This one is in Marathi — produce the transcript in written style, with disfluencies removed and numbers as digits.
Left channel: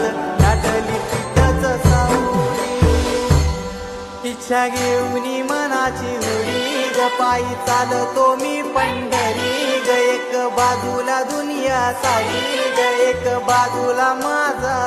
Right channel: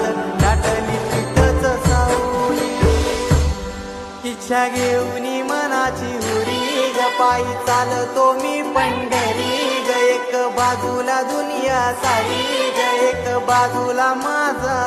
हातात दाटली पिठच सावली. इच्छा घेऊनी मनाची हुडी ग पायी चालतो मी पंढरी ग. एक बाजूला दुनिया सारी ग एक बाजूला माझा